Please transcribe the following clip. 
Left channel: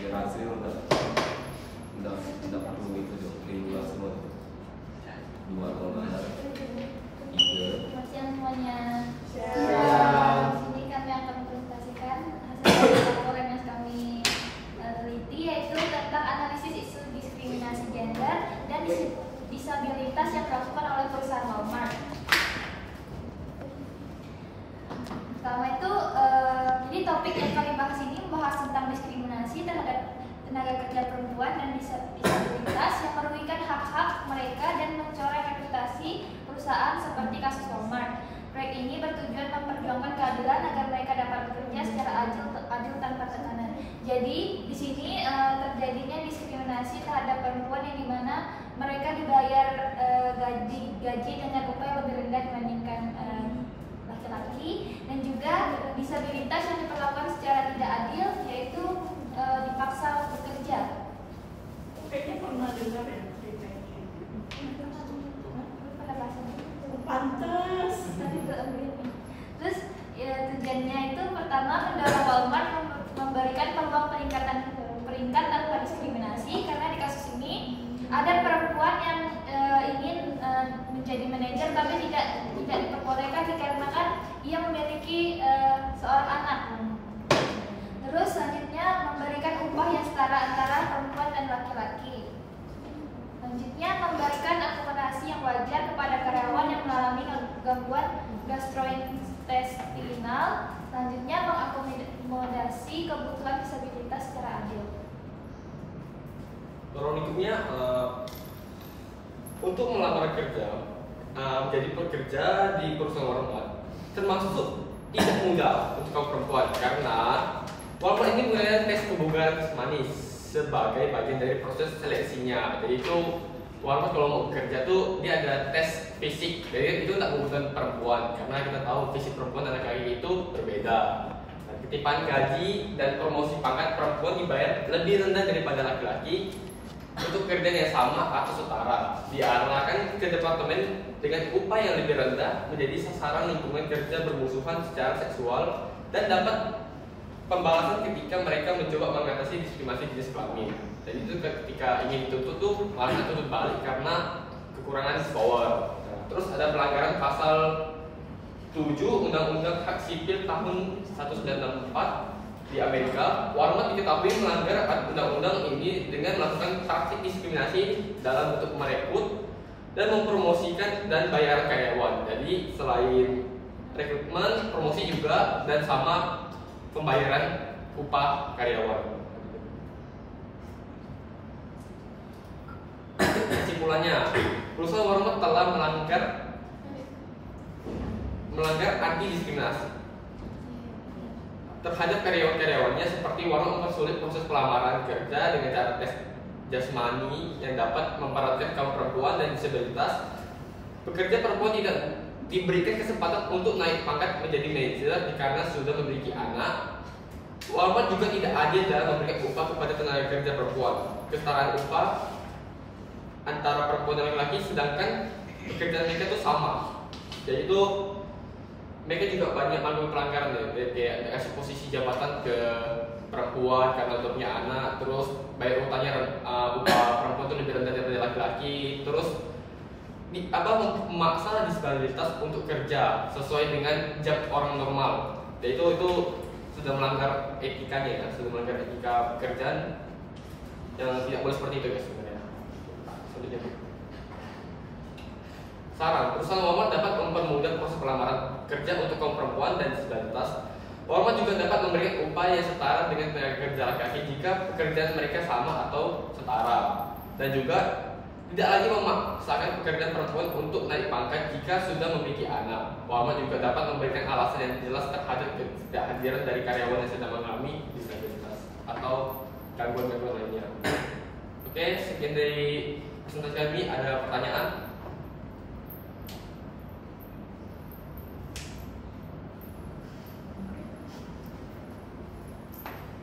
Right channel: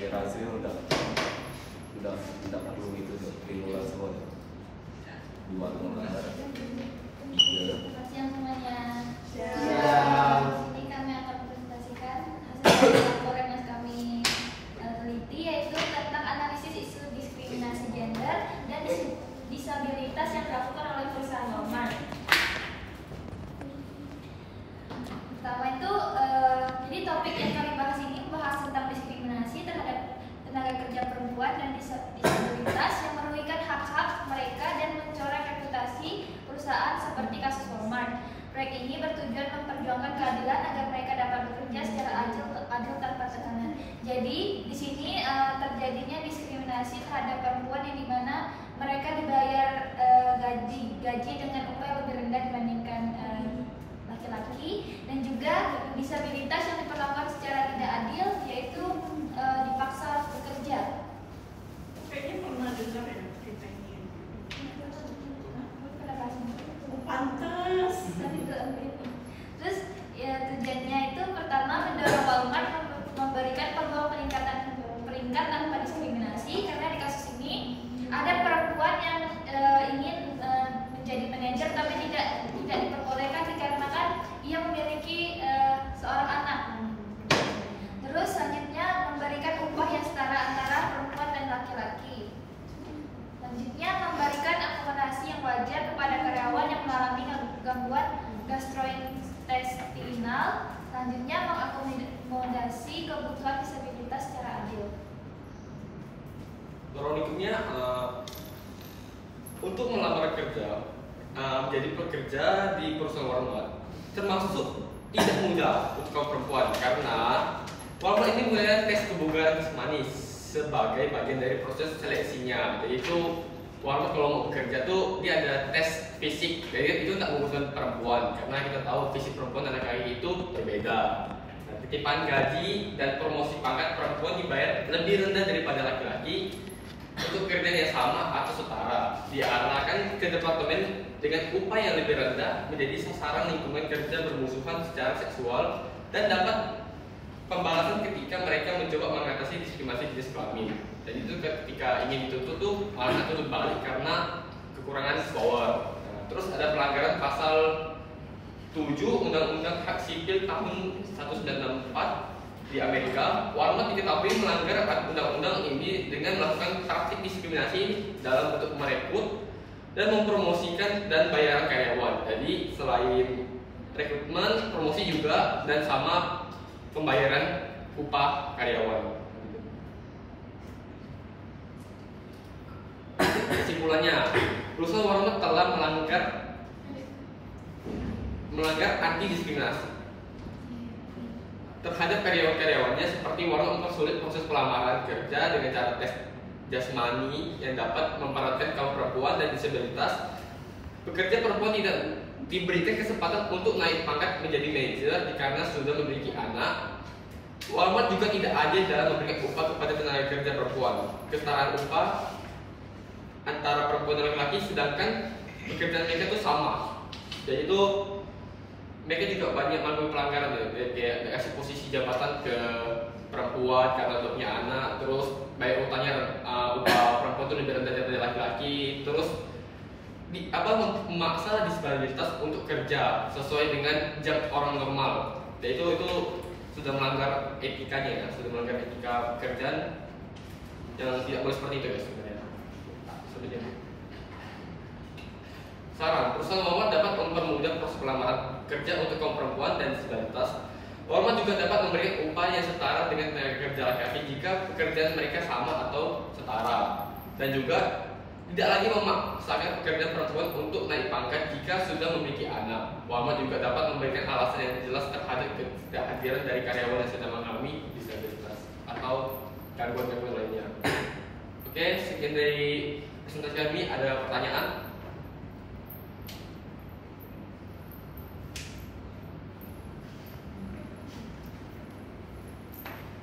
generasi udah perlu itu keluar semua dua tahun tiga. Selamat siang semuanya. Siang. Ini kami akan mempresentasikan hasil laporan yang kami teliti, yaitu tentang analisis isu diskriminasi gender dan disabilitas yang dilakukan oleh perusahaan Walmart. Pertama itu, jadi topik yang kami bahas ini membahas tentang diskriminasi terhadap tenaga kerja perempuan dan disabilitas yang merugikan hak-hak mereka dan mencoreng reputasi perusahaan seperti kasus Walmart. Proyek ini bertujuan memperjuangkan keadilan agar mereka dapat bekerja secara adil tanpa tekanan. Jadi di sini terjadinya diskriminasi terhadap perempuan yang dimana mereka dibayar gaji dengan upah yang lebih rendah dibandingkan laki-laki, dan juga disabilitas yang diperlakukan secara tidak adil, yaitu dipaksa bekerja. Kayaknya pernah dengar ya cerita ini. Pantas. Terus ya, tujuannya itu pertama mendorong Walmart memberikan peluang peringkat tanpa diskriminasi, karena di kasus ini agar perempuan yang ingin menjadi manajer tapi tidak diperbolehkan dikarenakan ia memiliki seorang anak. Terus selanjutnya memberikan upah yang setara antara perempuan dan laki-laki. Selanjutnya memberikan akomodasi yang wajar kepada karyawan yang mengalami gangguan gastrointestinal. Selanjutnya mengakomodasi kebutuhan disabilitas secara adil. Berikutnya untuk melamar kerja, menjadi pekerja di perusahaan Walmart termasuk tidak mudah untuk kaum perempuan, karena Walmart ini mengadakan tes kebugaran jasmani sebagai bagian dari proses seleksinya. Jadi itu Walmart kalau mau bekerja tuh dia ada tes fisik, jadi itu tidak membutuhkan perempuan, karena kita tahu fisik perempuan dan laki-laki itu berbeda. Dan ketipan gaji dan promosi pangkat perempuan dibayar lebih rendah daripada laki-laki untuk kerjaan yang sama atau setara. Diarahkan ke departemen dengan upah yang lebih rendah menjadi sasaran lingkungan kerja bermusuhan secara seksual dan dapat pembalasan ketika mereka mencoba mengatasi diskriminasi jenis kelamin. Dan itu ketika ingin dituntut tuh malah tuntut balik karena kekurangan power. Terus ada pelanggaran pasal 7 Undang-Undang Hak Sipil tahun 1964 di Amerika. Walmart diketahui melanggar undang-undang ini dengan melakukan praktik diskriminasi dalam bentuk merekrut dan mempromosikan dan bayaran karyawan. Jadi selain rekrutmen, promosi juga, dan sama pembayaran upah karyawan. Kesimpulannya, perusahaan Walmart telah melanggar anti diskriminasi terhadap karyawan-karyawannya, seperti Walmart mempersulit proses pelamaran kerja dengan cara tes jasmani yang dapat memperatkan kaum perempuan dan disabilitas. Pekerja perempuan tidak diberikan kesempatan untuk naik pangkat menjadi manajer karena sudah memiliki anak. Walmart juga tidak adil dalam memberikan upah kepada tenaga kerja perempuan. Kesetaraan upah antara perempuan dan laki-laki, sedangkan pekerjaan mereka itu sama. Jadi itu mereka juga banyak melakukan pelanggaran, kayak kasih posisi jabatan ke perempuan karena udah punya anak, terus bayar utangnya upah perempuan itu lebih rendah daripada laki-laki, terus memaksa disabilitas untuk kerja sesuai dengan jam orang normal. Dan itu sudah melanggar etikanya, ya, sudah melanggar etika pekerjaan yang tidak boleh seperti itu, ya, sebenarnya. Saran, perusahaan Walmart dapat mempermudah proses pelamaran kerja untuk kaum perempuan dan disabilitas. Walmart juga dapat memberikan upah yang setara dengan tenaga kerja laki-laki jika pekerjaan mereka sama atau setara, dan juga tidak lagi memaksakan pekerjaan perempuan untuk naik pangkat jika sudah memiliki anak. Walmart juga dapat memberikan alasan yang jelas terhadap kehadiran dari karyawan yang sedang mengalami disabilitas atau gangguan-gangguan lainnya. Oke, sekian dari presentasi kami. Ada pertanyaan?